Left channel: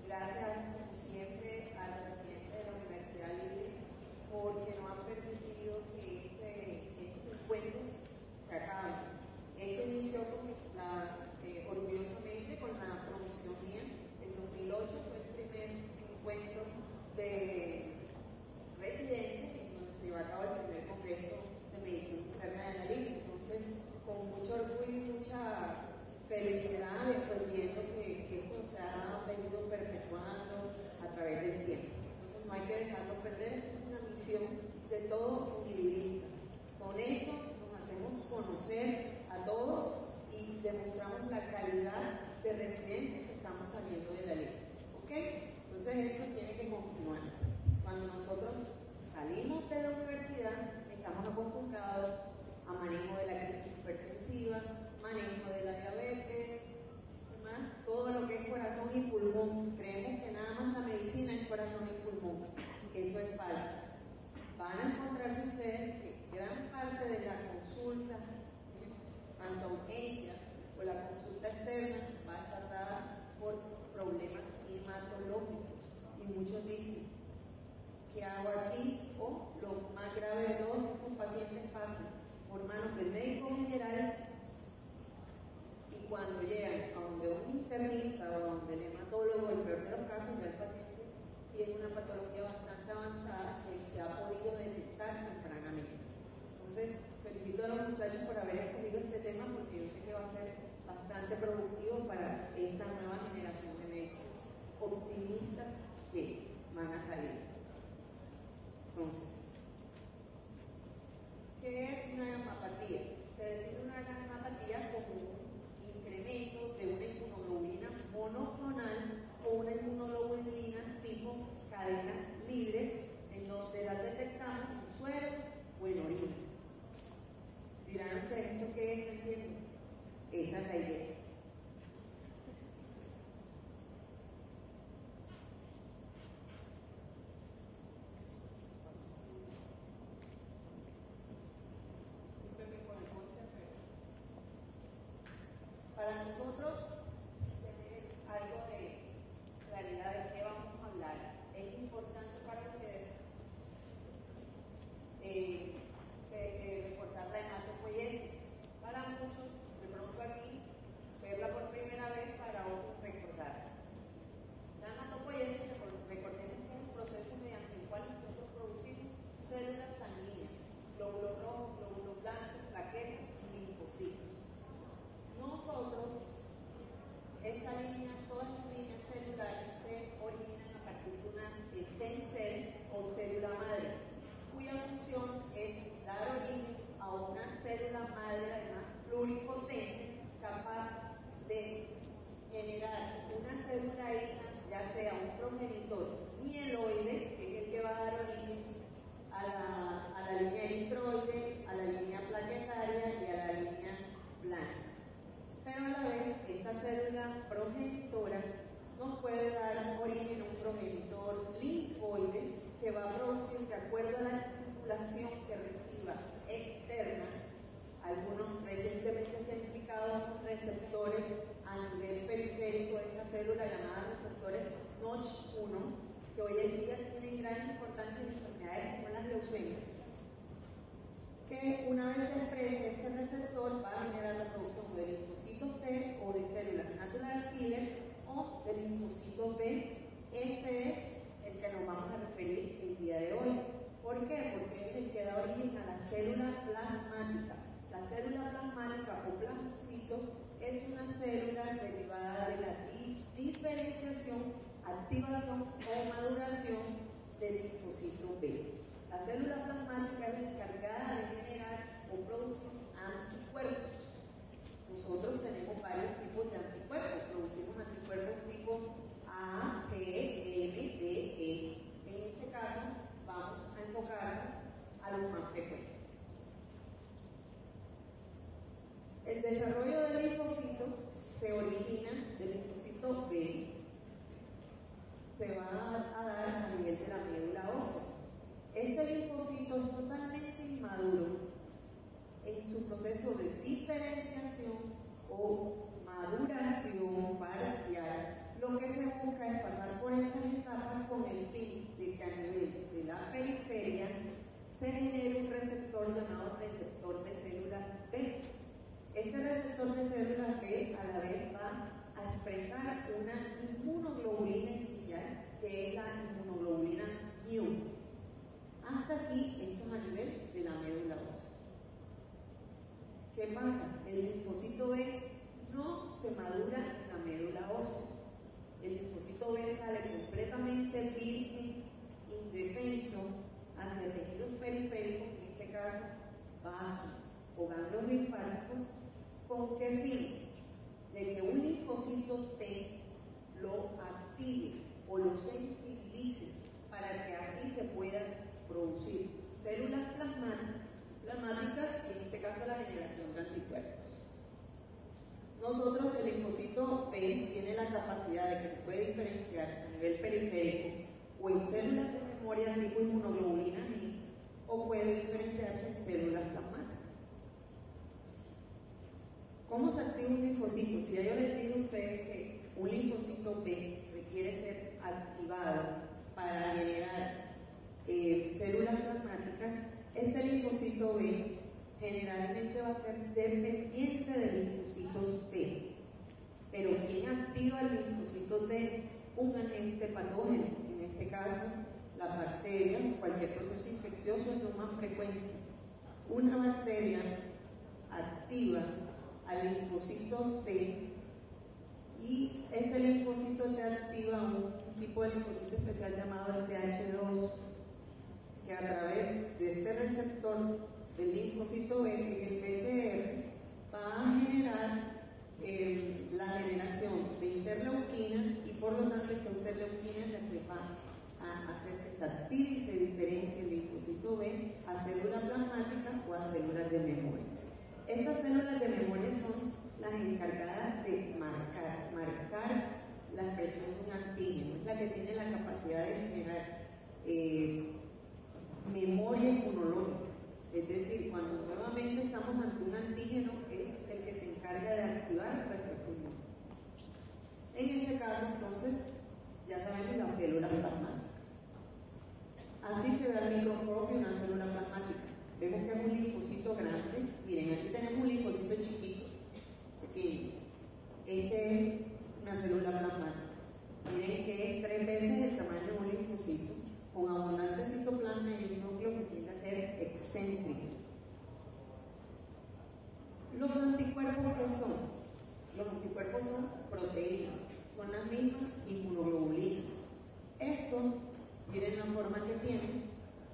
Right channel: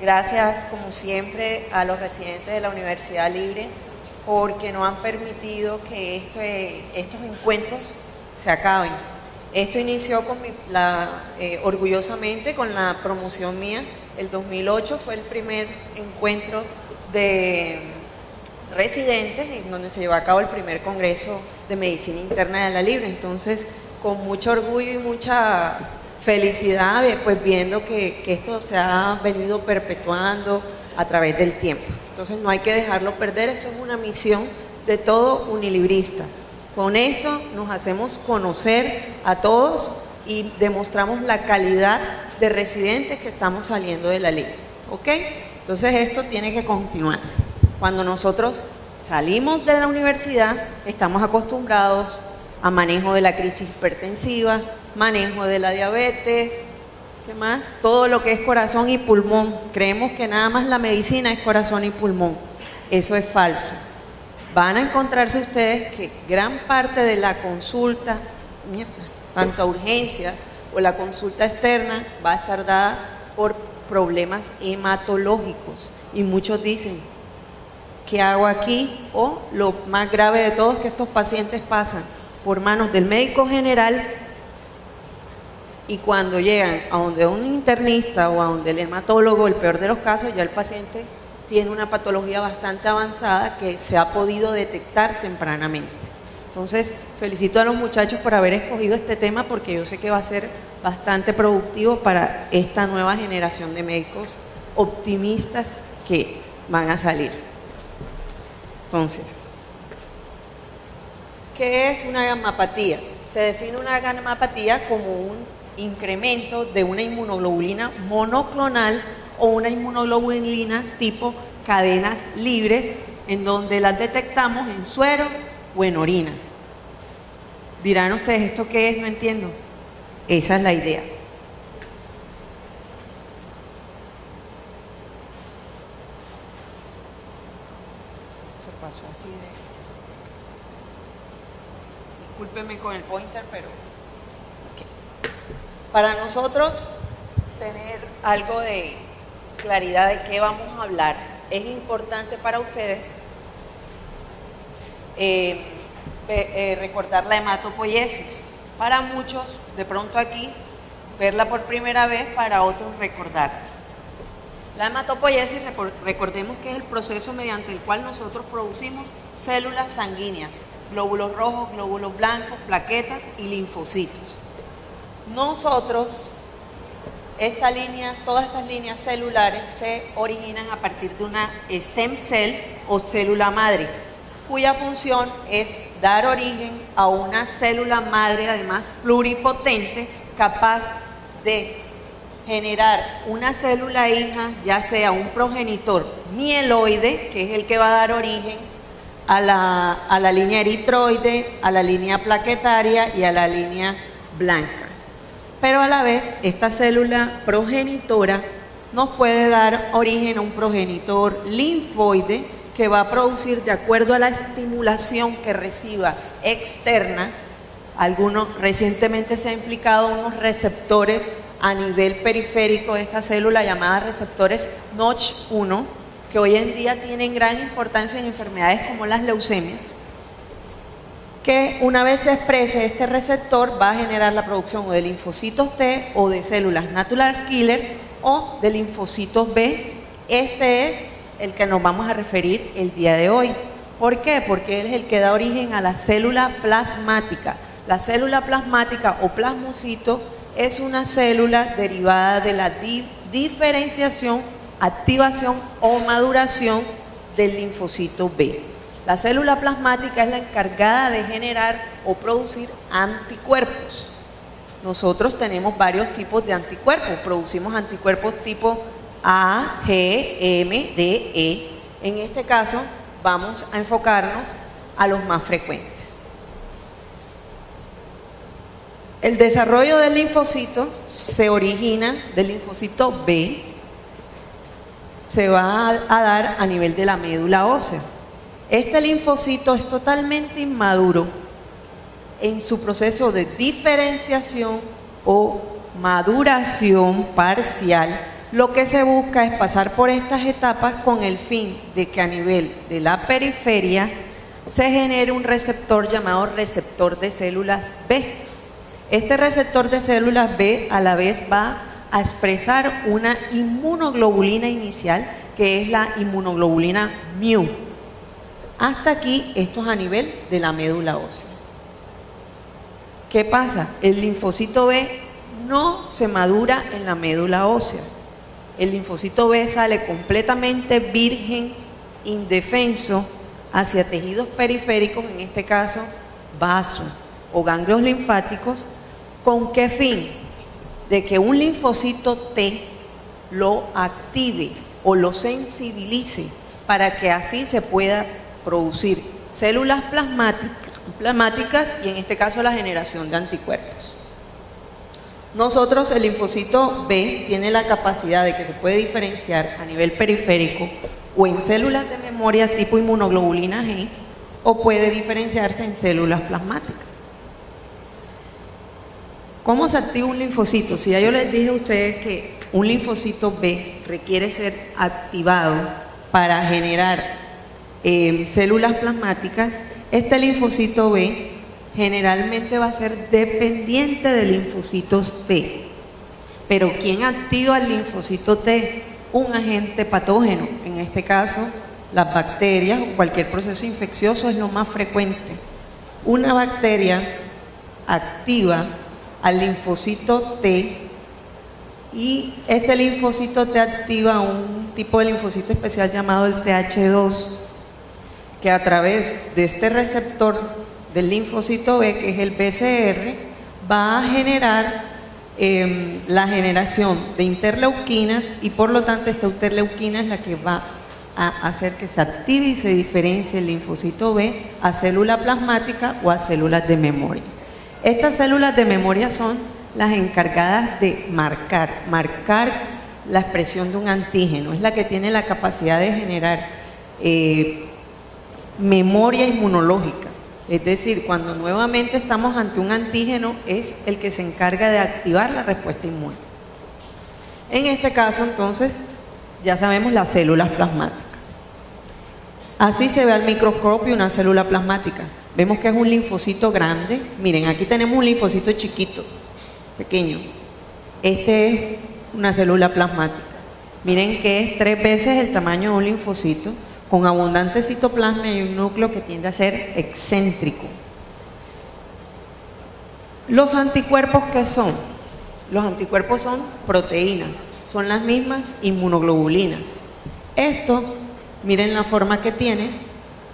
Gracias, como siempre, a los residentes de la Universidad Libre porque nos han permitido que estos encuentros se acaben. Esto inició orgullosamente con la promoción mía. El 2008 fue el primer encuentro de residentes en donde se llevó a cabo el primer congreso de medicina interna de la Libre. Entonces, con mucho orgullo y mucha felicidad, pues viendo que esto se ha venido perpetuando a través del tiempo. Entonces no hay que dejarlo perder, esto es una misión de todo unilibrista. Con esto nos hacemos conocer a todos y demostramos la calidad de residentes que estamos saliendo de la Libre, ¿ok? Entonces esto tiene que continuar. Cuando nosotros salimos de la universidad, estamos acostumbrados a manejo de la crisis hipertensiva, manejo de la diabetes, ¿qué más? Todo lo que es corazón y pulmón. Creemos que nada más la medicina es corazón y pulmón. Eso es falso. Van a encontrarse ustedes que gran parte de la consulta, tanto a urgencias o la consulta externa, va a estar dada por problemas hematológicos. Y muchos dicen, ¿qué hago aquí? O lo más grave de todo es que estos pacientes pasan por manos del médico general y cuando llegan a donde un internista o a donde el hematólogo, el peor de los casos, ya el paciente tiene una patología bastante avanzada que se ha podido detectar tempranamente. Entonces, felicito a los muchachos por haber escogido este tema porque yo sé que va a ser bastante productivo para esta nueva generación de médicos optimistas que van a salir. Entonces, ¿qué es una gamapatía? Se define una gamapatía como un incremento de una inmunoglobulina monoclonal o una inmunoglobulina tipo cadenas libres en donde las detectamos en suero o en orina. Dirán ustedes, ¿esto qué es? No entiendo. Esa es la idea. Se pasó así de... Discúlpenme con el pointer, pero... Okay. Para nosotros tener algo de claridad de qué vamos a hablar, es importante para ustedes recordar la hematopoiesis. Para muchos, de pronto aquí, verla por primera vez, para otros recordar. La hematopoiesis, recordemos que es el proceso mediante el cual nosotros producimos células sanguíneas, glóbulos rojos, glóbulos blancos, plaquetas y linfocitos. Nosotros, todas estas líneas celulares se originan a partir de una stem cell o célula madre, cuya función es dar origen a una célula madre, además pluripotente, capaz de generar una célula hija, ya sea un progenitor mieloide, que es el que va a dar origen a la línea eritroide, a la línea plaquetaria y a la línea blanca. Pero a la vez, esta célula progenitora nos puede dar origen a un progenitor linfoide que va a producir, de acuerdo a la estimulación que reciba externa, recientemente se ha implicado unos receptores a nivel periférico de esta célula llamadas receptores Notch1, que hoy en día tienen gran importancia en enfermedades como las leucemias, que una vez se exprese este receptor va a generar la producción o de linfocitos T o de células natural killer o de linfocitos B. Este es el que nos vamos a referir el día de hoy. ¿Por qué? Porque él es el que da origen a la célula plasmática. La célula plasmática o plasmocito es una célula derivada de la diferenciación, activación o maduración del linfocito B. La célula plasmática es la encargada de generar o producir anticuerpos. Nosotros tenemos varios tipos de anticuerpos. Producimos anticuerpos tipo A, G, M, D, E. En este caso vamos a enfocarnos a los más frecuentes. El desarrollo del linfocito se origina del linfocito B, se va a dar a nivel de la médula ósea. Este linfocito es totalmente inmaduro en su proceso de diferenciación o maduración parcial lo que se busca es pasar por estas etapas con el fin de que a nivel de la periferia se genere un receptor llamado receptor de células B. Este receptor de células B a la vez va a expresar una inmunoglobulina inicial, que es la inmunoglobulina mu. Hasta aquí, esto es a nivel de la médula ósea. ¿Qué pasa? El linfocito B no se madura en la médula ósea. El linfocito B sale completamente virgen, indefenso, hacia tejidos periféricos, en este caso vasos o ganglios linfáticos. ¿Con qué fin? De que un linfocito T lo active o lo sensibilice para que así se pueda producir células plasmáticas y en este caso la generación de anticuerpos. Nosotros, el linfocito B tiene la capacidad de que se puede diferenciar a nivel periférico o en células de memoria tipo inmunoglobulina G o puede diferenciarse en células plasmáticas. ¿Cómo se activa un linfocito? Si ya yo les dije a ustedes que un linfocito B requiere ser activado para generar células plasmáticas, este linfocito B generalmente va a ser dependiente de linfocitos T. Pero ¿quién activa el linfocito T? Un agente patógeno, en este caso las bacterias o cualquier proceso infeccioso es lo más frecuente. Una bacteria activa al linfocito T y este linfocito T activa un tipo de linfocito especial llamado el TH2, que a través de este receptor del linfocito B, que es el BCR, va a generar la generación de interleuquinas y por lo tanto esta interleuquina es la que va a hacer que se active y se diferencie el linfocito B a célula plasmática o a células de memoria. Estas células de memoria son las encargadas de marcar la expresión de un antígeno, es la que tiene la capacidad de generar memoria inmunológica. Es decir, cuando nuevamente estamos ante un antígeno, es el que se encarga de activar la respuesta inmune. En este caso, entonces, ya sabemos las células plasmáticas. Así se ve al microscopio una célula plasmática. Vemos que es un linfocito grande. Miren, aquí tenemos un linfocito chiquito, pequeño. Este es una célula plasmática. Miren que es 3 veces el tamaño de un linfocito, con abundante citoplasma y un núcleo que tiende a ser excéntrico. ¿Los anticuerpos qué son? Los anticuerpos son proteínas, son las mismas inmunoglobulinas. Esto, miren la forma que tiene,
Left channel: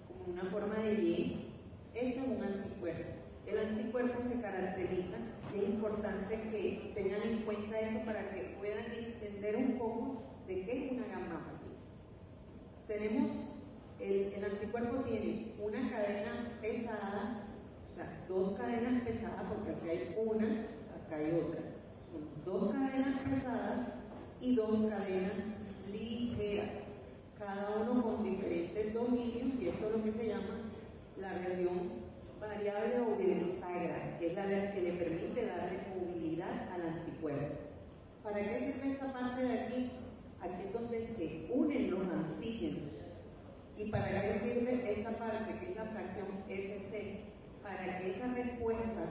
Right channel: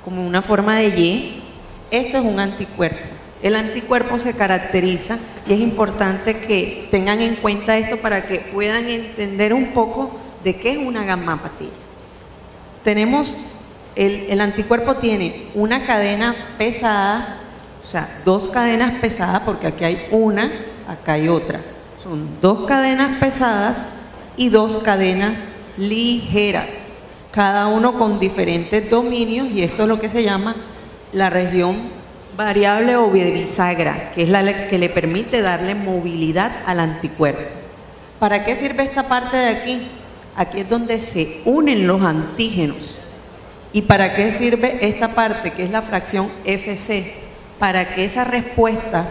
como una forma de Y. Esto es un anticuerpo. El anticuerpo se caracteriza, y es importante que tengan en cuenta esto para que puedan entender un poco de qué es una gammapatía. Tenemos, el anticuerpo tiene una cadena pesada, o sea, 2 cadenas pesadas, porque aquí hay una, acá hay otra. Son 2 cadenas pesadas y 2 cadenas ligeras, cada uno con diferentes dominios, y esto es lo que se llama la región variable o bisagra, que es la que le permite darle movilidad al anticuerpo. ¿Para qué sirve esta parte de aquí? Aquí es donde se unen los antígenos. ¿Y para qué sirve esta parte, que es la fracción FC? Para que esa respuesta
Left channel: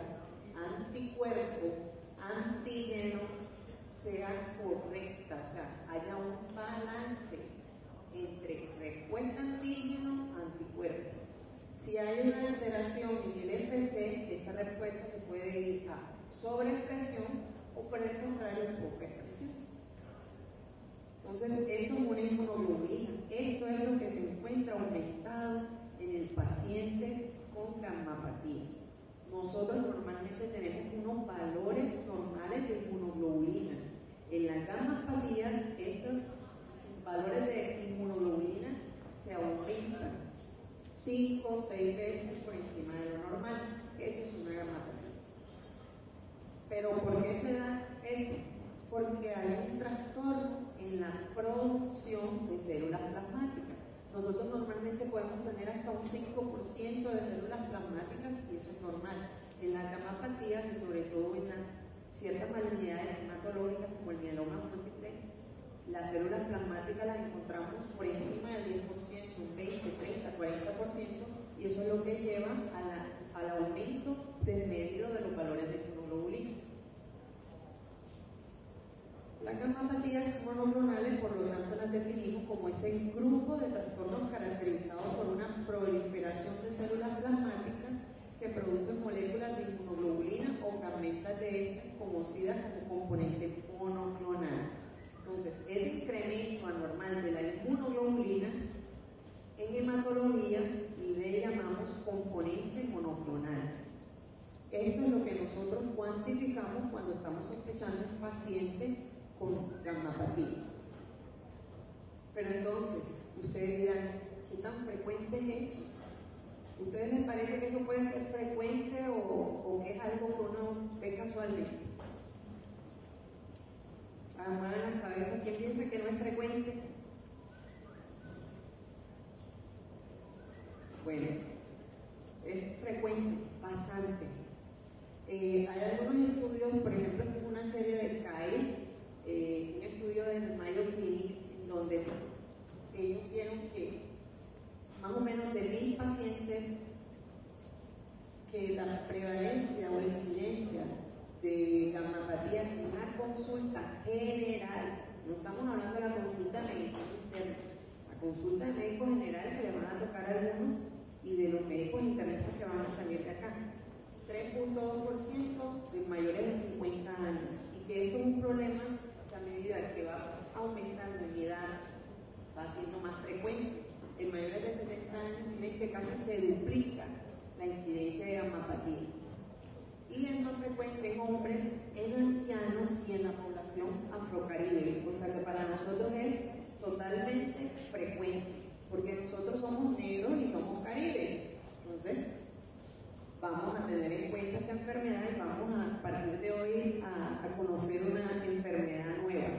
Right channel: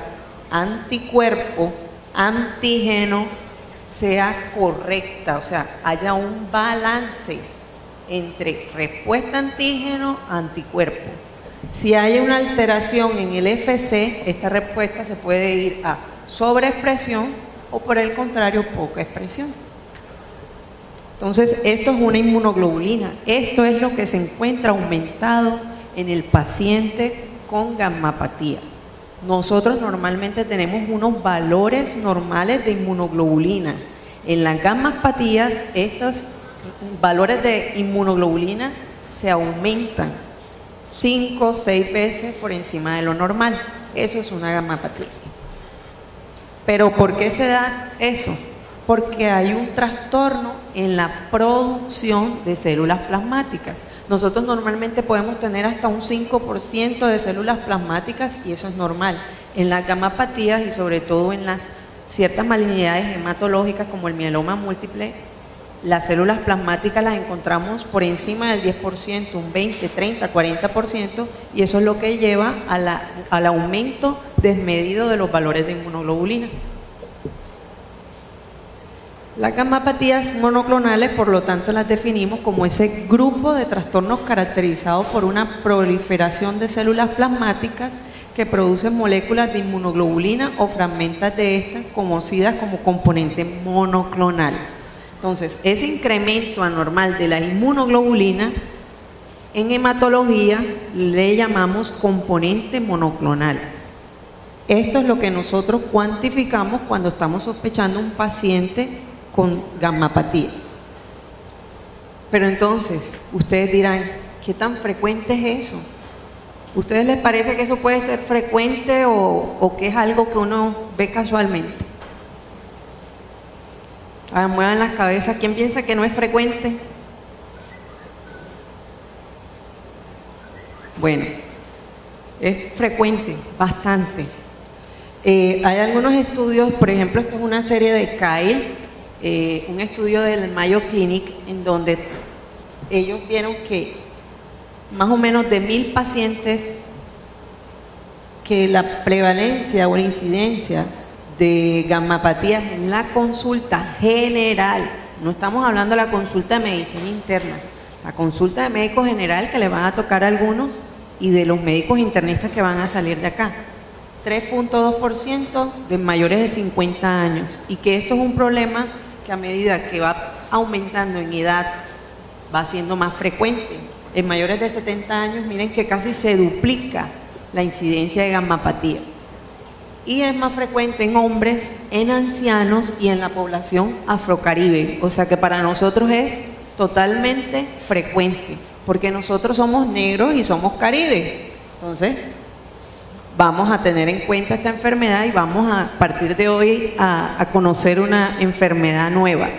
anticuerpo, antígeno, sea correcta, o sea, haya un balance entre respuesta antígeno, anticuerpo. Si hay una alteración en el FC, esta respuesta se puede ir a sobreexpresión o por el contrario, poca expresión. Entonces, esto es una inmunoglobulina. Esto es lo que se encuentra aumentado en el paciente con gammapatía. Nosotros normalmente tenemos unos valores normales de inmunoglobulina. En las gammapatías, estos valores de inmunoglobulina se aumentan 5 o 6 veces por encima de lo normal. Eso es una gammapatía. ¿Pero por qué se da eso? Porque hay un trastorno en la producción de células plasmáticas. Nosotros normalmente podemos tener hasta un 5% de células plasmáticas y eso es normal. En las gammapatías y sobre todo en las ciertas malignidades hematológicas como el mieloma múltiple, las células plasmáticas las encontramos por encima del 10%, un 20, 30, 40%, y eso es lo que lleva al aumento desmedido de los valores de inmunoglobulina. Las gammapatías monoclonales, por lo tanto, las definimos como ese grupo de trastornos caracterizados por una proliferación de células plasmáticas que producen moléculas de inmunoglobulina o fragmentos de estas conocidas como componente monoclonal. Entonces, ese incremento anormal de la inmunoglobulina en hematología le llamamos componente monoclonal. Esto es lo que nosotros cuantificamos cuando estamos sospechando un paciente con gammapatía. Pero entonces, ustedes dirán, ¿qué tan frecuente es eso? ¿Ustedes les parece que eso puede ser frecuente o que es algo que uno ve casualmente? Muevan las cabezas. ¿Quién piensa que no es frecuente? Bueno, es frecuente, bastante. Hay algunos estudios, por ejemplo, esta es una serie de Kyle, un estudio del Mayo Clinic, en donde ellos vieron que más o menos de 1000 pacientes, que la prevalencia o la incidencia de gammapatías en la consulta general, no estamos hablando de la consulta de medicina interna, la consulta de médico general que le van a tocar a algunos y de los médicos internistas que van a salir de acá, 3.2% de mayores de 50 años, y que esto es un problema que a medida que va aumentando en edad va siendo más frecuente. En mayores de 70 años, miren que casi se duplica la incidencia de gammapatía. Y es más frecuente en hombres, en ancianos y en la población afrocaribe. O sea que para nosotros es totalmente frecuente, porque nosotros somos negros y somos caribe. Entonces, vamos a tener en cuenta esta enfermedad y vamos a partir de hoy a conocer una enfermedad nueva.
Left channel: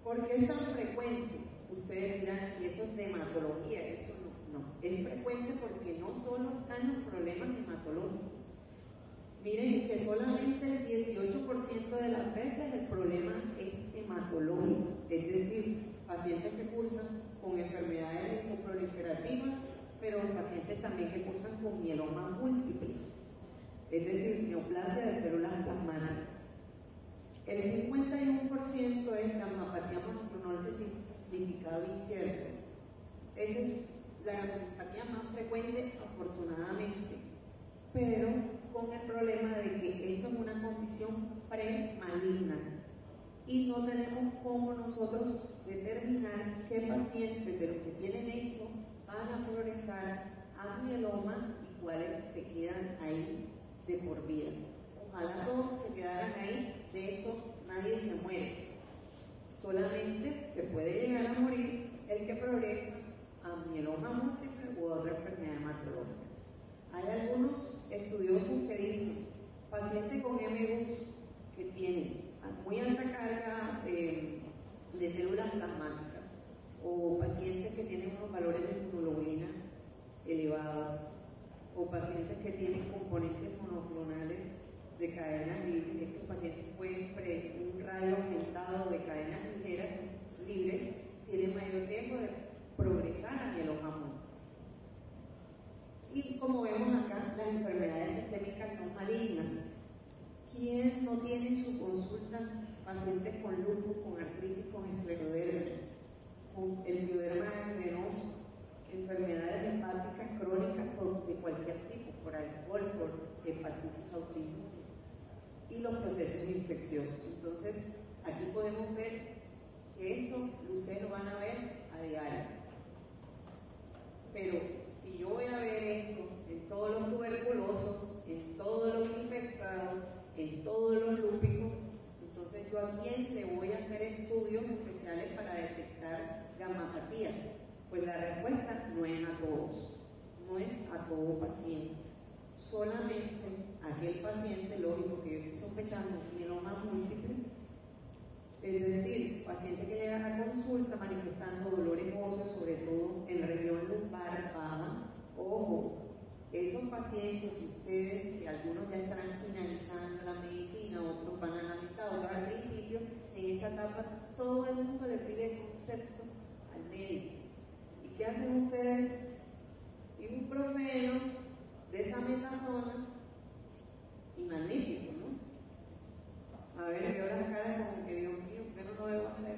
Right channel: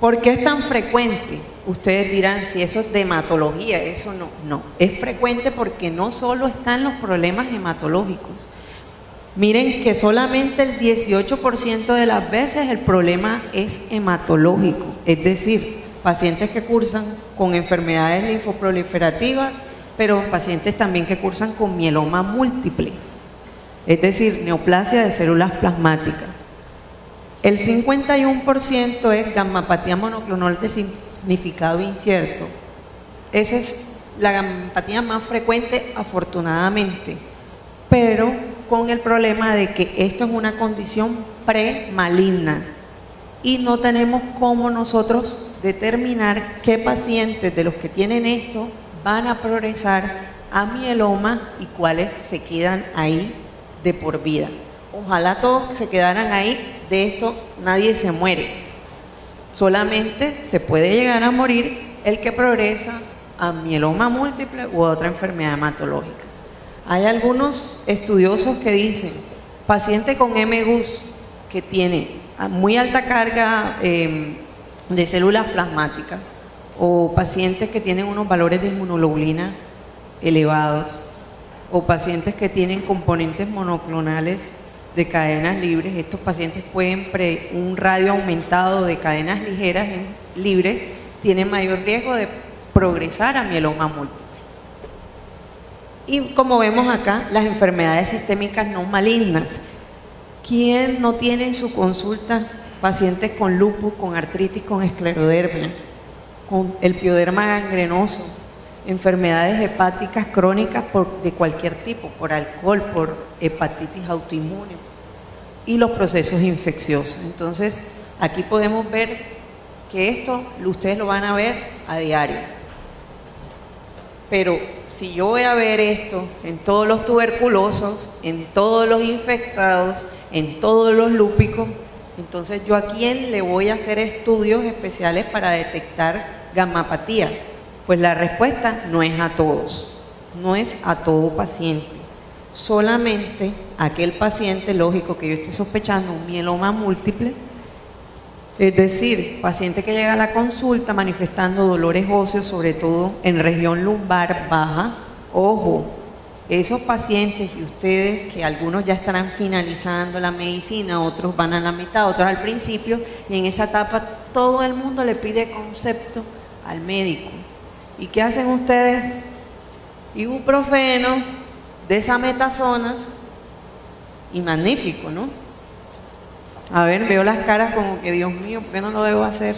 ¿Por qué es tan frecuente? Ustedes dirán, si eso es de hematología, eso no. Es frecuente porque no solo están los problemas hematológicos. Miren que solamente el 18% de las veces el problema es hematológico, es decir, pacientes que cursan con enfermedades linfoproliferativas, pero pacientes también que cursan con mieloma múltiple, es decir, neoplasia de células plasmáticas. El 51% es gammapatía monoclonal de significado incierto. Esa es la gammapatía más frecuente, afortunadamente, pero con el problema de que esto es una condición premaligna y no tenemos cómo nosotros determinar qué pacientes de los que tienen esto van a progresar a mieloma y cuáles se quedan ahí de por vida. Ojalá todos se quedaran ahí, de esto nadie se muere. Solamente se puede llegar a morir el que progresa a mieloma múltiple u otra enfermedad hematológica. Hay algunos estudiosos que dicen, paciente con MGUS que tiene muy alta carga de células plasmáticas, o pacientes que tienen unos valores de inmunoglobulina elevados, o pacientes que tienen componentes monoclonales de cadenas libres. Estos pacientes pueden, un radio aumentado de cadenas ligeras libres, tienen mayor riesgo de progresar a mieloma múltiple. Y como vemos acá, las enfermedades sistémicas no malignas. ¿Quién no tiene en su consulta pacientes con lupus, con artritis, con esclerodermia, con el pioderma gangrenoso, enfermedades hepáticas crónicas de cualquier tipo, por alcohol, por hepatitis autoinmune y los procesos infecciosos? Entonces, aquí podemos ver que esto ustedes lo van a ver a diario. Pero si yo voy a ver esto en todos los tuberculosos, en todos los infectados, en todos los lúpicos, entonces yo a quién le voy a hacer estudios especiales para detectar gammapatía. Pues la respuesta no es a todos, no es a todo paciente, solamente aquel paciente, lógico, que yo esté sospechando un mieloma múltiple, es decir, paciente que llega a la consulta manifestando dolores óseos, sobre todo en región lumbar baja. Ojo, esos pacientes y ustedes, que algunos ya estarán finalizando la medicina, otros van a la mitad, otros al principio, y en esa etapa todo el mundo le pide concepto al médico. ¿Y qué hacen ustedes? Ibuprofeno, desametasona, y magnífico, ¿no? A ver, veo las caras como que, Dios mío, ¿por qué no lo debo hacer?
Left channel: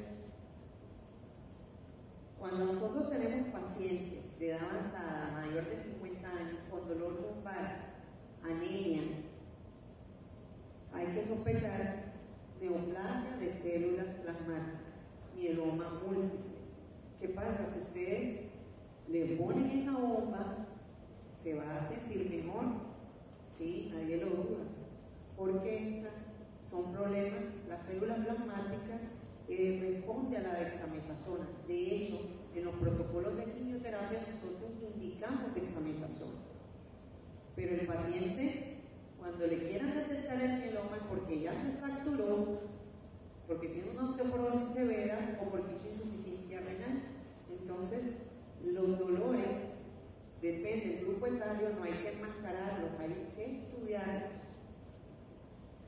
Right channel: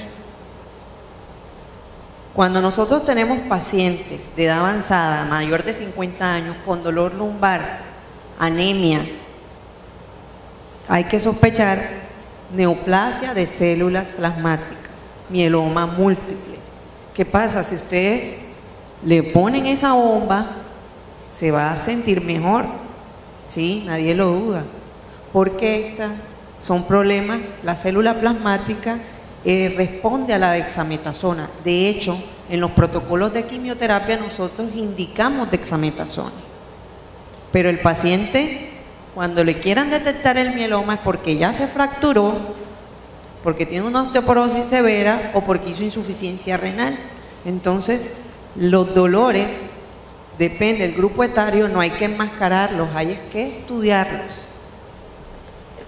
Cuando nosotros tenemos pacientes de edad avanzada, mayor de 50 años, con dolor lumbar, anemia, hay que sospechar neoplasia de células plasmáticas, mieloma múltiple. ¿Qué pasa? Si ustedes le ponen esa bomba, se va a sentir mejor, ¿sí? Nadie lo duda. Porque estas son problemas, la célula plasmática responde a la dexametasona. De hecho, en los protocolos de quimioterapia nosotros indicamos dexametasona. Pero el paciente, cuando le quieran detectar el mieloma, es porque ya se fracturó, porque tiene una osteoporosis severa o porque hizo insuficiencia renal. Entonces, los dolores, depende del grupo etario, no hay que enmascararlos, hay que estudiarlos.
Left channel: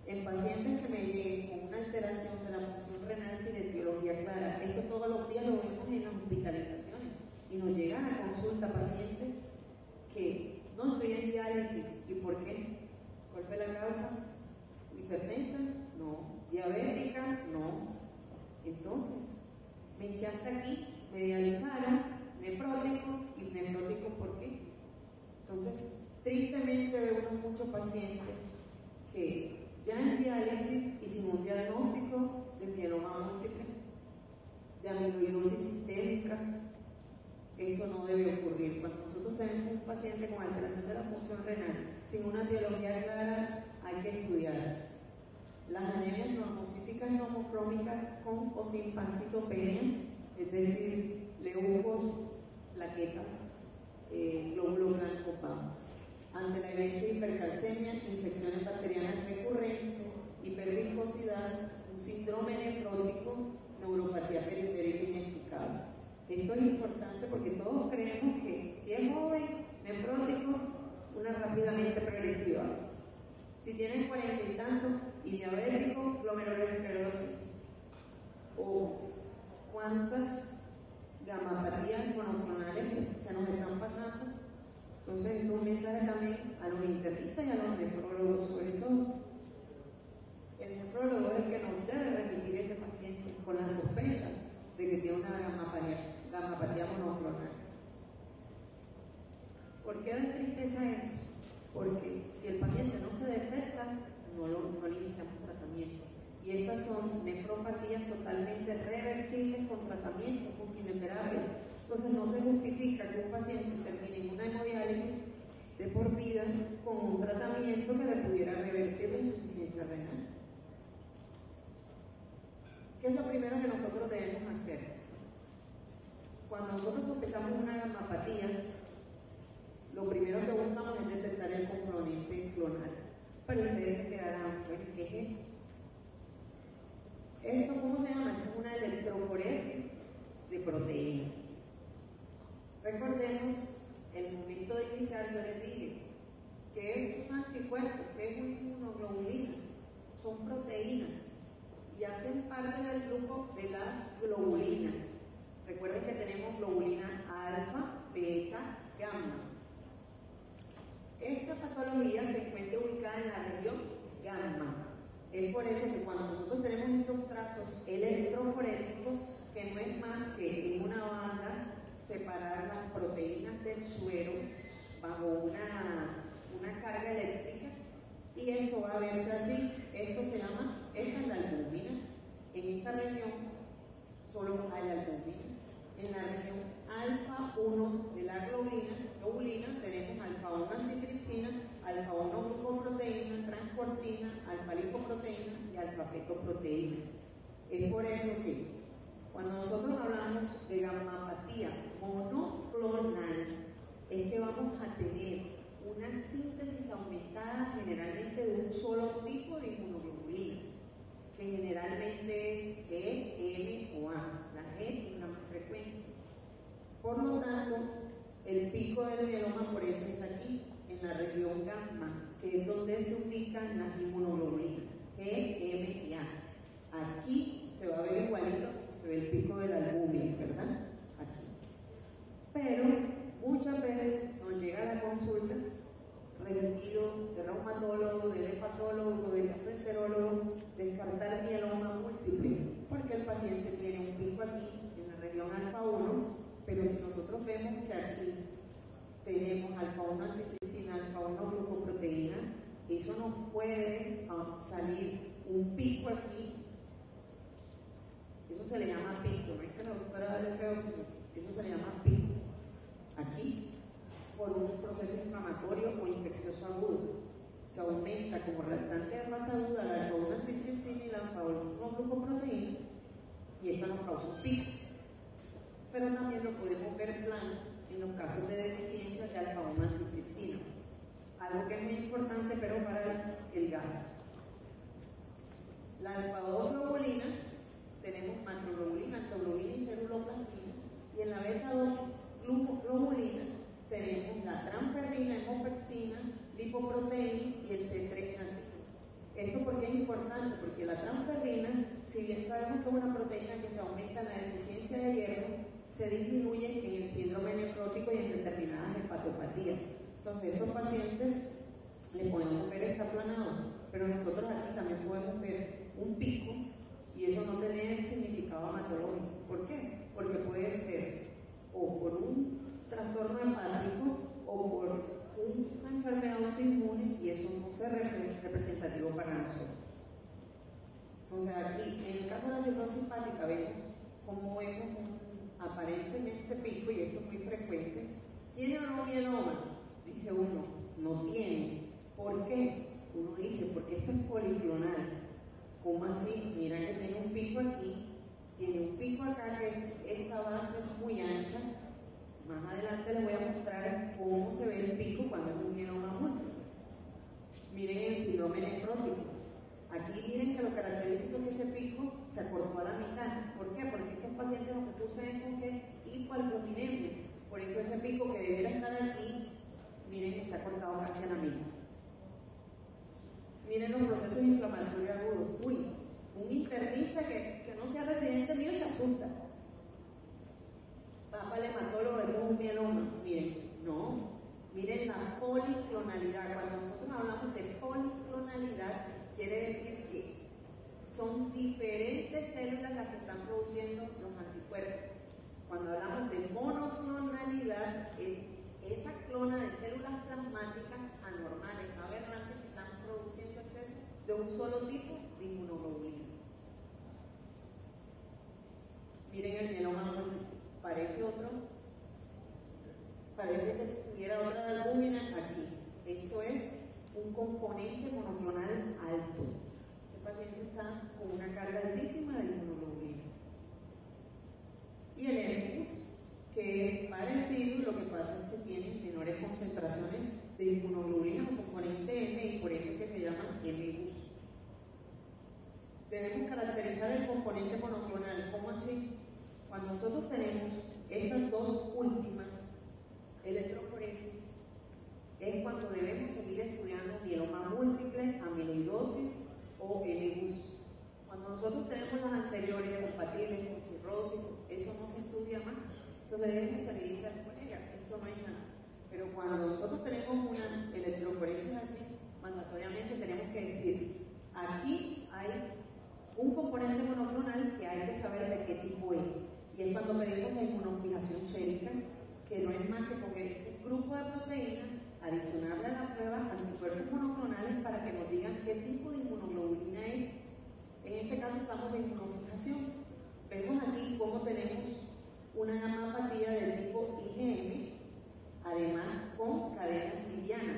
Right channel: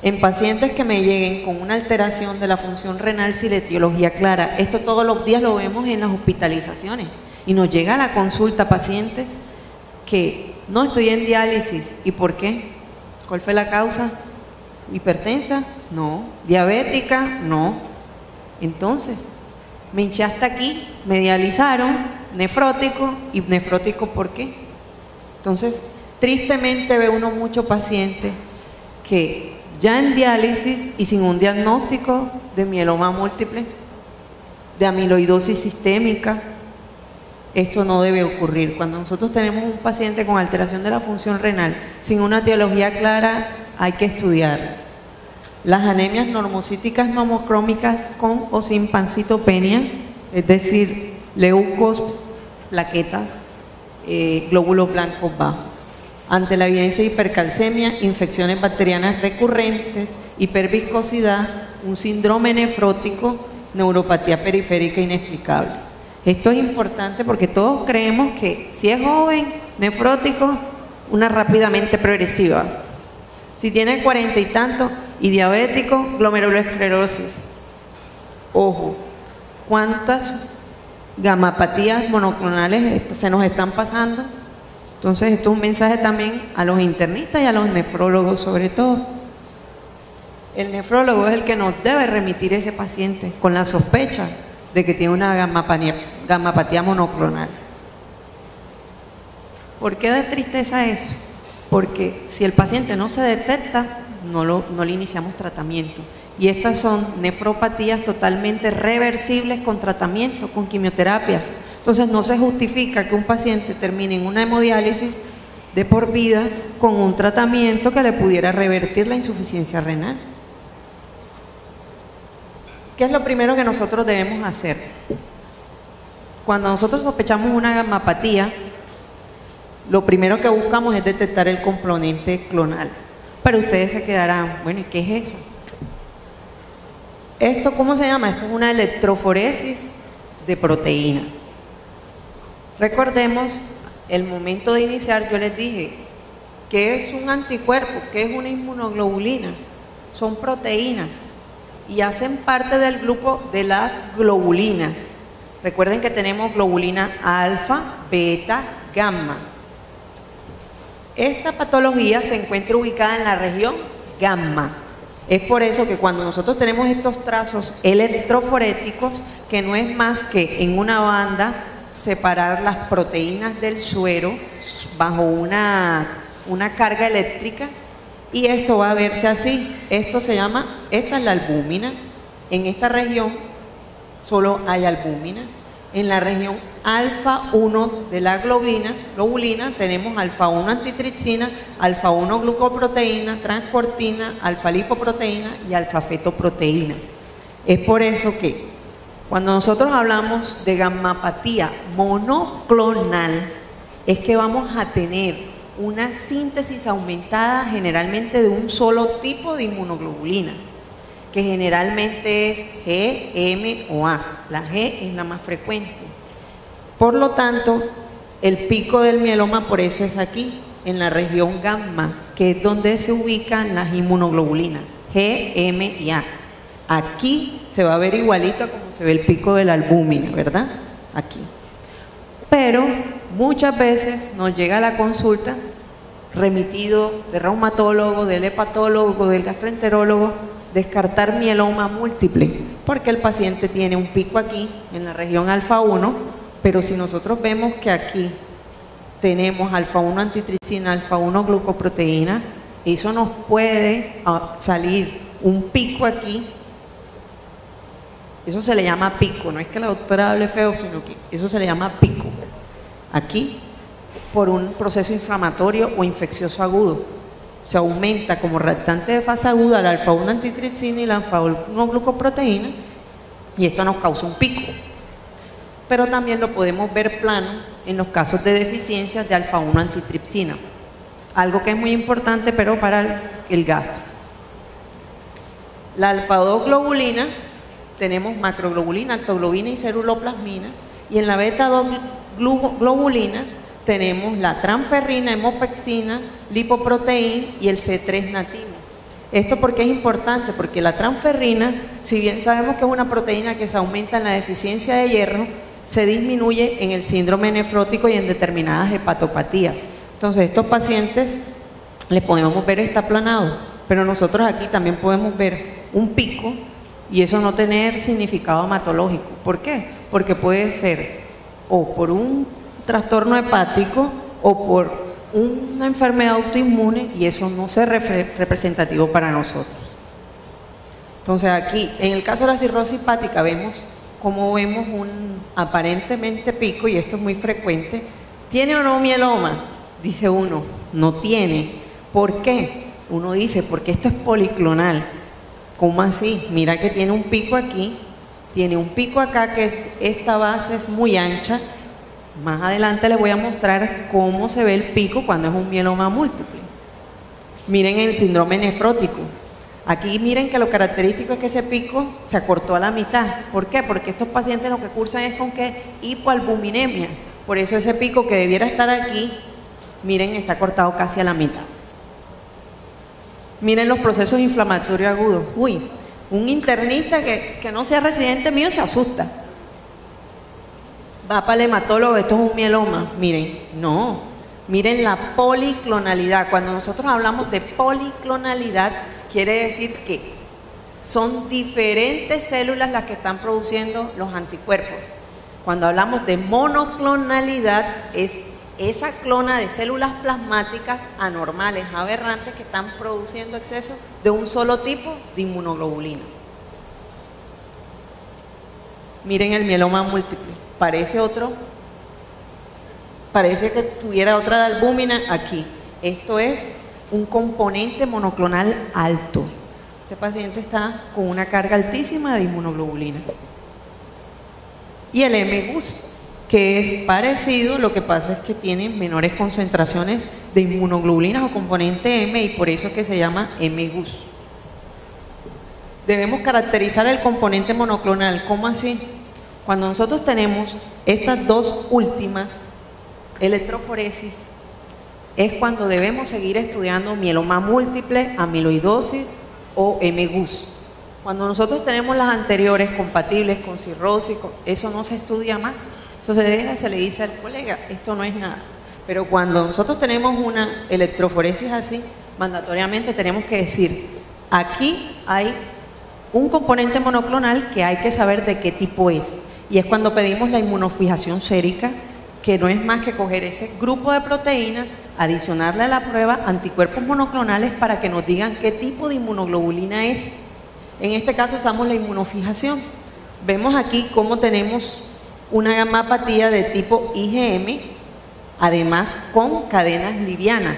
En pacientes que me lleguen con una alteración de la función renal sin etiología clara, esto todos los días lo vemos en las hospitalizaciones y nos llega a la consulta pacientes que no estoy en diálisis. ¿Y por qué? ¿Cuál fue la causa? ¿Hipertensa? No. ¿Diabética? No. Entonces, me hinché hasta aquí, me dializaron, nefrótico. ¿Y nefrótico por qué? Entonces, tristemente ve uno muchos pacientes que ya en diálisis y sin un diagnóstico de mieloma múltiple, de amiloidosis sistémica. Esto no debe ocurrir. Cuando nosotros tenemos un paciente con alteración de la función renal sin una etiología clara, hay que estudiar. Las anemias normocíticas nomocrómicas con o sin pancitopenia, es decir, leucos, plaquetas, glóbulos blancos bajos. Ante la evidencia de hipercalcemia, infecciones bacterianas recurrentes, hiperviscosidad, un síndrome nefrótico, neuropatía periférica inexplicable. Esto es importante porque todos creemos que si es joven, nefrótico, una rápidamente progresiva. Si tiene 40 y tantos y diabético, glomerulosclerosis. Ojo, ¿cuántas gamapatías monoclonales se nos están pasando? Entonces, esto es un mensaje también a los internistas y a los nefrólogos sobre todo. El nefrólogo es el que nos debe remitir ese paciente con la sospecha de que tiene una gamapatía monoclonal. ¿Por qué da tristeza eso? Porque si el paciente no se detecta, no le iniciamos tratamiento. Y estas son nefropatías totalmente reversibles con tratamiento, con quimioterapia. Entonces no se justifica que un paciente termine en una hemodiálisis de por vida con un tratamiento que le pudiera revertir la insuficiencia renal. ¿Qué es lo primero que nosotros debemos hacer? Cuando nosotros sospechamos una gamapatía, lo primero que buscamos es detectar el componente clonal. Pero ustedes se quedarán, bueno, ¿y qué es eso? ¿Esto cómo se llama? Esto es una electroforesis de proteína. Recordemos, el momento de iniciar yo les dije, ¿qué es un anticuerpo? ¿Qué es una inmunoglobulina? Son proteínas y hacen parte del grupo de las globulinas. Recuerden que tenemos globulina alfa, beta, gamma. Esta patología se encuentra ubicada en la región gamma. Es por eso que cuando nosotros tenemos estos trazos electroforéticos, que no es más que en una banda separar las proteínas del suero bajo una carga eléctrica, y esto va a verse así. Esto se llama, esta es la albúmina. En esta región solo hay albúmina. En la región alfa 1 de la globulina tenemos alfa 1 antitripsina, alfa 1 glucoproteína, transportina, alfa lipoproteína y alfa fetoproteína. Es por eso que cuando nosotros hablamos de gamapatía monoclonal, es que vamos a tener una síntesis aumentada generalmente de un solo tipo de inmunoglobulina, que generalmente es G, M o A. La G es la más frecuente. Por lo tanto, el pico del mieloma por eso es aquí, en la región gamma, que es donde se ubican las inmunoglobulinas, G, M y A. Aquí se va a ver igualito a como se ve el pico de la albúmina, ¿verdad? Aquí. Pero muchas veces nos llega a la consulta remitido del reumatólogo, del hepatólogo, del gastroenterólogo, descartar mieloma múltiple, porque el paciente tiene un pico aquí en la región alfa 1, pero si nosotros vemos que aquí tenemos alfa 1 antitricina, alfa 1 glucoproteína, eso nos puede salir un pico aquí. Eso se le llama pico, no es que la doctora hable feo, sino que eso se le llama pico. Aquí, por un proceso inflamatorio o infeccioso agudo, se aumenta como reactante de fase aguda la alfa 1 antitricina y la alfa 1 glucoproteína, y esto nos causa un pico. Pero también lo podemos ver plano en los casos de deficiencias de alfa 1 antitripsina, algo que es muy importante pero para el gastro. La alfa 2 globulina, tenemos macroglobulina, actoglobina y ceruloplasmina, y en la beta 2 globulinas tenemos la transferrina, hemopexina, lipoproteína y el C3 nativo. Esto porque es importante, porque la transferrina, si bien sabemos que es una proteína que se aumenta en la deficiencia de hierro, se disminuye en el síndrome nefrótico y en determinadas hepatopatías. Entonces, estos pacientes les podemos ver está aplanado, pero nosotros aquí también podemos ver un pico y eso no tener significado hematológico. ¿Por qué? Porque puede ser o por un trastorno hepático o por una enfermedad autoinmune y eso no es representativo para nosotros. Entonces aquí, en el caso de la cirrosis hepática, vemos un aparentemente pico, y esto es muy frecuente. ¿Tiene o no mieloma? Dice uno, no tiene. ¿Por qué? Uno dice, porque esto es policlonal. ¿Cómo así? Mira que tiene un pico aquí, tiene un pico acá, que esta base es muy ancha. Más adelante les voy a mostrar cómo se ve el pico cuando es un mieloma múltiple. Miren el síndrome nefrótico. Aquí miren que lo característico es que ese pico se acortó a la mitad. ¿Por qué? Porque estos pacientes lo que cursan es con ¿qué? Hipoalbuminemia. Por eso ese pico que debiera estar aquí, miren, está cortado casi a la mitad. Miren los procesos inflamatorios agudos. Uy, un internista que no sea residente mío se asusta. Va para el hematólogo, esto es un mieloma. Miren, no. Miren la policlonalidad. Cuando nosotros hablamos de policlonalidad, quiere decir que son diferentes células las que están produciendo los anticuerpos. Cuando hablamos de monoclonalidad, es esa clona de células plasmáticas anormales, aberrantes, que están produciendo exceso de un solo tipo de inmunoglobulina. Miren el mieloma múltiple. Parece que tuviera otra de albúmina aquí. Esto es un componente monoclonal alto. Este paciente está con una carga altísima de inmunoglobulina. Y el M-GUS, que es parecido, lo que pasa es que tiene menores concentraciones de inmunoglobulinas o componente M, y por eso es que se llama M-GUS. Debemos caracterizar el componente monoclonal. ¿Cómo así? Cuando nosotros tenemos estas dos últimas, electroforesis, es cuando debemos seguir estudiando mieloma múltiple, amiloidosis o M-GUS. Cuando nosotros tenemos las anteriores compatibles con cirrosis, eso no se estudia más. Eso se deja y se le dice al colega, esto no es nada. Pero cuando nosotros tenemos una electroforesis así, mandatoriamente tenemos que decir, aquí hay un componente monoclonal que hay que saber de qué tipo es. Y es cuando pedimos la inmunofijación sérica, que no es más que coger ese grupo de proteínas, adicionarle a la prueba anticuerpos monoclonales para que nos digan qué tipo de inmunoglobulina es. En este caso usamos la inmunofijación. Vemos aquí cómo tenemos una gamapatía de tipo IgM, además con cadenas livianas.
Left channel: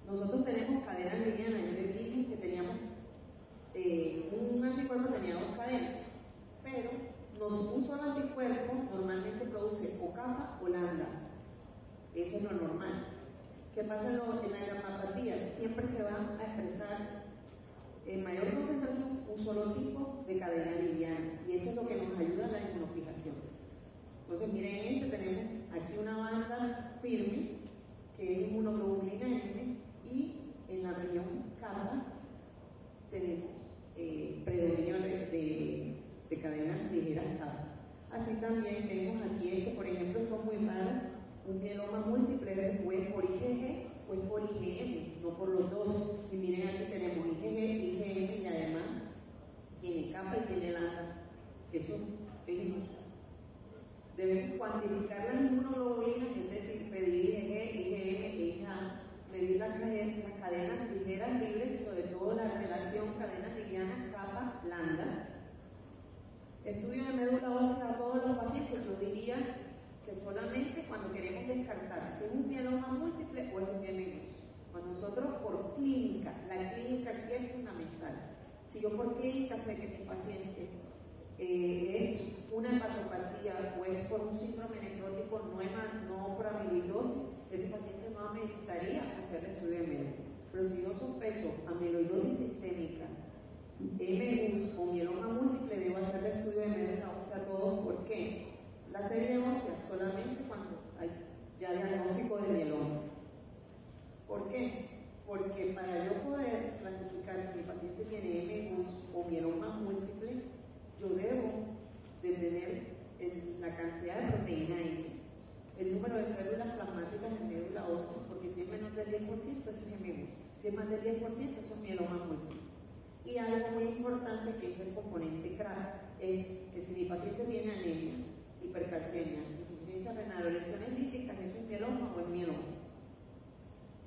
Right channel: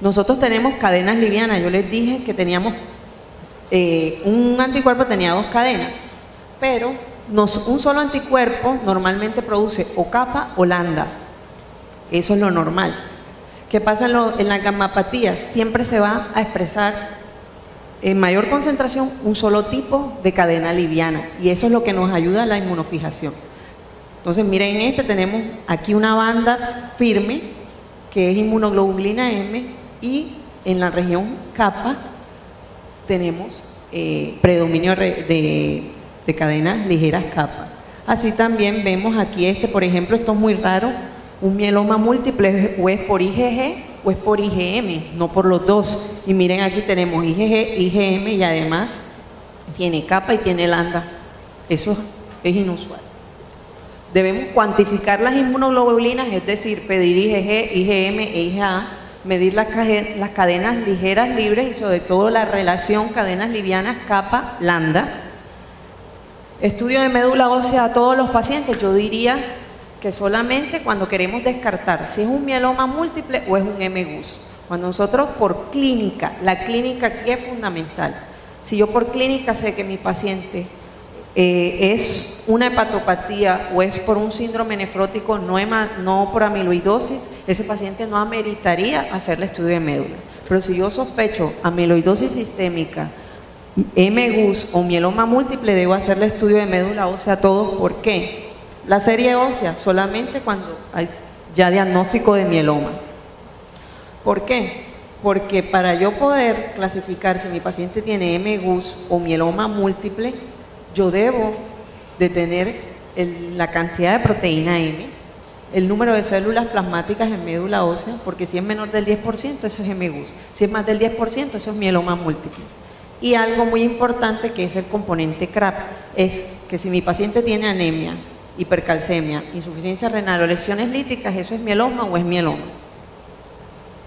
Nosotros tenemos cadenas livianas. Yo les dije que teníamos un anticuerpo tenía dos cadenas, pero un solo anticuerpo normalmente produce o capa o lambda. Eso es lo normal. ¿Qué pasa en las gamapatías? Siempre se va a expresar en mayor concentración un solo tipo de cadena liviana, y eso es lo que nos ayuda a la inmunofijación. Entonces miren, tenemos aquí una banda firme que es inmunoglobulina M, y en la región kappa tenemos predominio de cadenas ligeras kappa. Así también vemos aquí por ejemplo, esto es muy raro, un mieloma múltiple o es por IgG o es por IgM, no por los dos. Y miren, aquí tenemos IgG, IgM y además tiene kappa y tiene lambda. Eso es inusual. Debemos cuantificar las inmunoglobulinas, es decir, pedir IgG, IgM e IgA, medir las cadenas ligeras libres y sobre todo la relación cadenas livianas kappa, lambda. Estudio de médula ósea a todos los pacientes, yo diría que solamente cuando queremos descartar si es un mieloma múltiple o es un M-GUS. Cuando nosotros por clínica, la clínica aquí es fundamental. Si yo por clínica sé que mi paciente es una hepatopatía o es por un síndrome nefrótico, no por amiloidosis, ese paciente no ameritaría hacerle estudio de médula. Pero si yo sospecho amiloidosis sistémica, M-GUS o mieloma múltiple, debo hacerle estudio de médula ósea a todos. ¿Por qué? La serie ósea solamente cuando hay ya diagnóstico de mieloma. ¿Por qué? Porque para yo poder clasificar si mi paciente tiene M-GUS o mieloma múltiple, yo debo de tener la cantidad de proteína M, el número de células plasmáticas en médula ósea, porque si es menor del 10%, eso es M-GUS. Si es más del 10%, eso es mieloma múltiple. Y algo muy importante que es el componente CRAP, es que si mi paciente tiene anemia, hipercalcemia, insuficiencia renal o lesiones líticas, ¿eso es mieloma o es mieloma?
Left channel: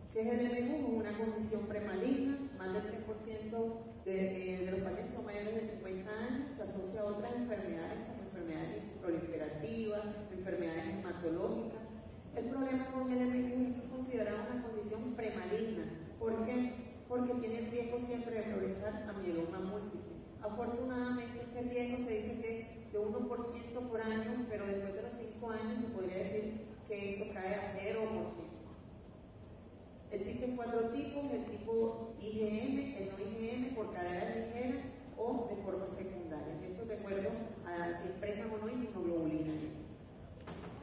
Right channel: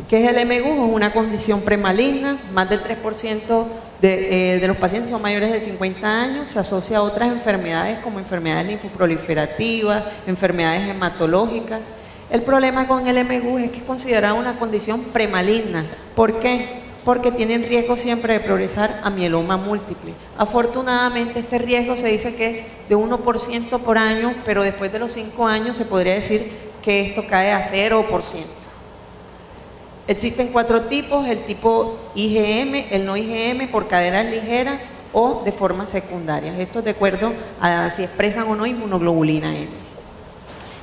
¿Qué es el M-GUS? Es una condición premaligna, más del 3% de los pacientes son mayores de 50 años, se asocia a otras enfermedades como enfermedades linfoproliferativas, enfermedades hematológicas. El problema con el M-GUS es que es considerada una condición premaligna. ¿Por qué? Porque tienen riesgo siempre de progresar a mieloma múltiple. Afortunadamente este riesgo se dice que es de 1% por año, pero después de los 5 años se podría decir que esto cae a 0%. Existen 4 tipos, el tipo IgM, el no IgM por cadenas ligeras o de forma secundaria. Esto es de acuerdo a si expresan o no inmunoglobulina M.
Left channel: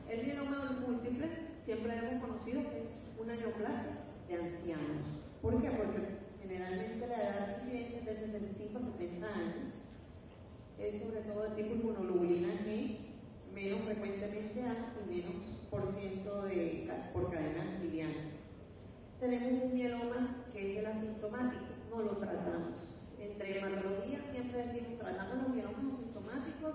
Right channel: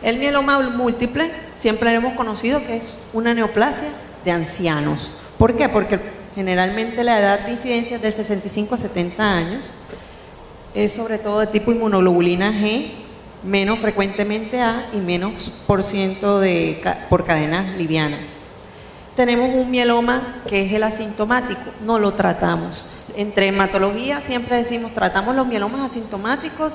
El mieloma múltiple siempre lo hemos conocido que es una neoplasia de ancianos. ¿Por qué? Porque generalmente la edad de incidencia es de 65 a 70 años, es sobre todo de tipo inmunoglobulina G, menos frecuentemente A y menos % por cadenas livianas. Tenemos un mieloma que es el asintomático, no lo tratamos. Entre hematología siempre decimos, ¿tratamos los mielomas asintomáticos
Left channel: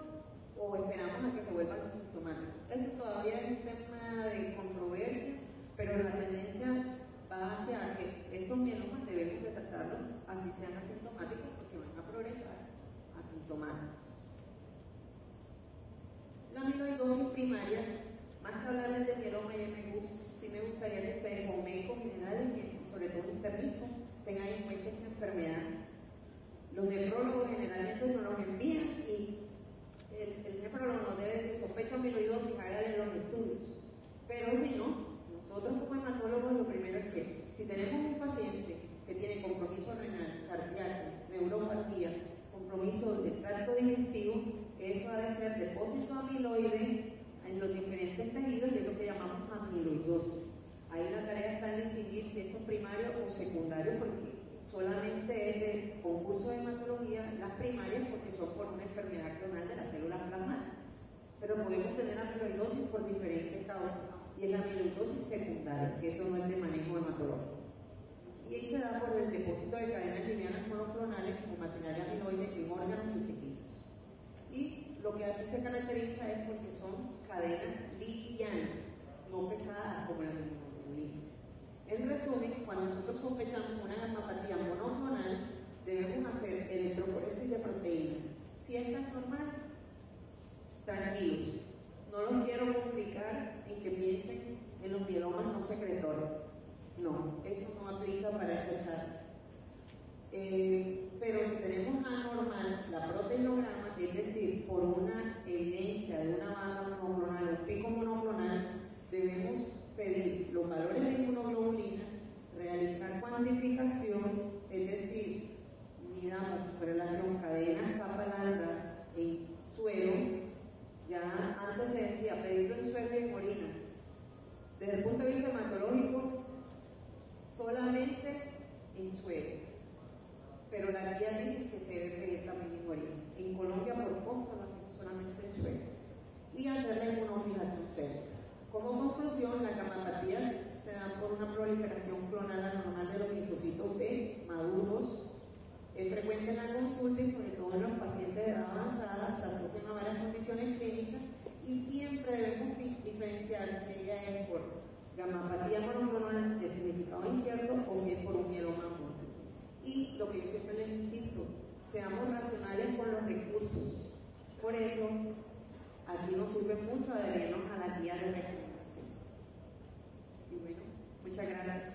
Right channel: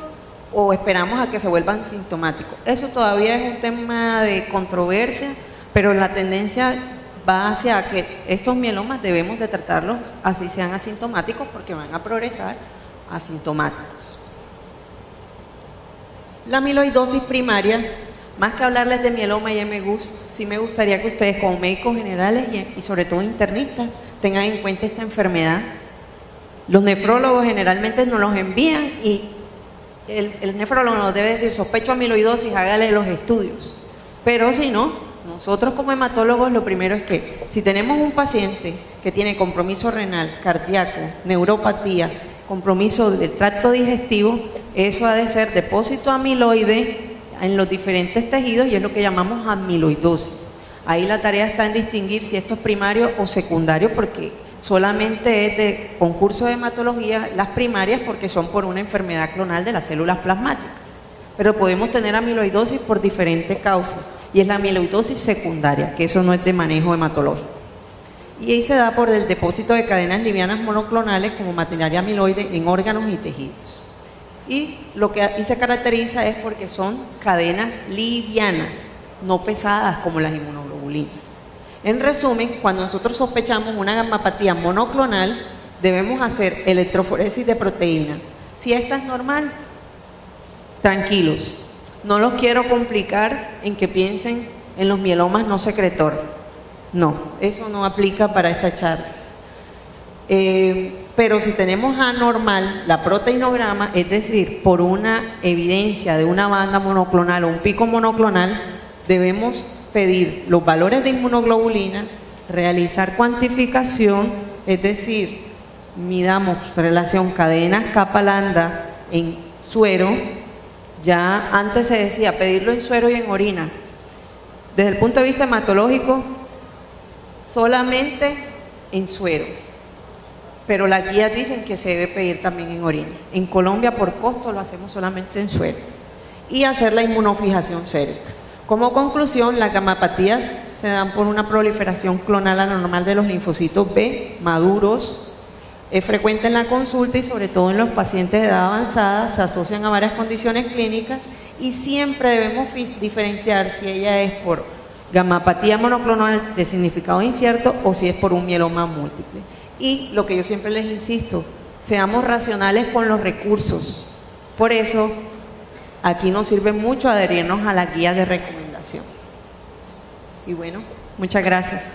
o esperamos a que se vuelvan sintomáticos? Eso todavía es un tema de controversia, pero la tendencia va hacia que estos mielomas debemos de tratarlos así sean asintomáticos porque van a progresar asintomáticos. La amiloidosis primaria, más que hablarles de mieloma y M-GUS, sí me gustaría que ustedes como médicos generales y sobre todo internistas tengan en cuenta esta enfermedad. Los nefrólogos generalmente nos los envían y el nefrólogo nos debe decir sospecho amiloidosis, hágale los estudios, pero si no, nosotros como hematólogos lo primero es que si tenemos un paciente que tiene compromiso renal, cardíaco, neuropatía, compromiso del tracto digestivo, eso ha de ser depósito amiloide en los diferentes tejidos y es lo que llamamos amiloidosis. Ahí la tarea está en distinguir si esto es primario o secundario porque solamente es de concurso de hematología las primarias porque son por una enfermedad clonal de las células plasmáticas. Pero podemos tener amiloidosis por diferentes causas y es la amiloidosis secundaria, que eso no es de manejo hematológico. Y ahí se da por el depósito de cadenas livianas monoclonales como maquinaria amiloide en órganos y tejidos. Y lo que ahí se caracteriza es porque son cadenas livianas, no pesadas como las inmunoglobulinas. En resumen, cuando nosotros sospechamos una gammapatía monoclonal, debemos hacer electroforesis de proteína. Si esta es normal, tranquilos, no los quiero complicar en que piensen en los mielomas no secretor. No, eso no aplica para esta charla. Pero si tenemos anormal la proteinograma, es decir, por una evidencia de una banda monoclonal o un pico monoclonal, debemos pedir los valores de inmunoglobulinas, realizar cuantificación, es decir, midamos relación cadenas kappa lambda en suero. Ya antes se decía pedirlo en suero y en orina. Desde el punto de vista hematológico, solamente en suero, pero las guías dicen que se debe pedir también en orina. En Colombia, por costo, lo hacemos solamente en suero. Y hacer la inmunofijación sérica. Como conclusión, las gamapatías se dan por una proliferación clonal anormal de los linfocitos B maduros. Es frecuente en la consulta y sobre todo en los pacientes de edad avanzada, se asocian a varias condiciones clínicas y siempre debemos diferenciar si ella es por gamapatía monoclonal de significado incierto o si es por un mieloma múltiple. Y lo que yo siempre les insisto, seamos racionales con los recursos. Por eso, aquí nos sirve mucho adherirnos a la guía de recomendación. Y bueno, muchas gracias.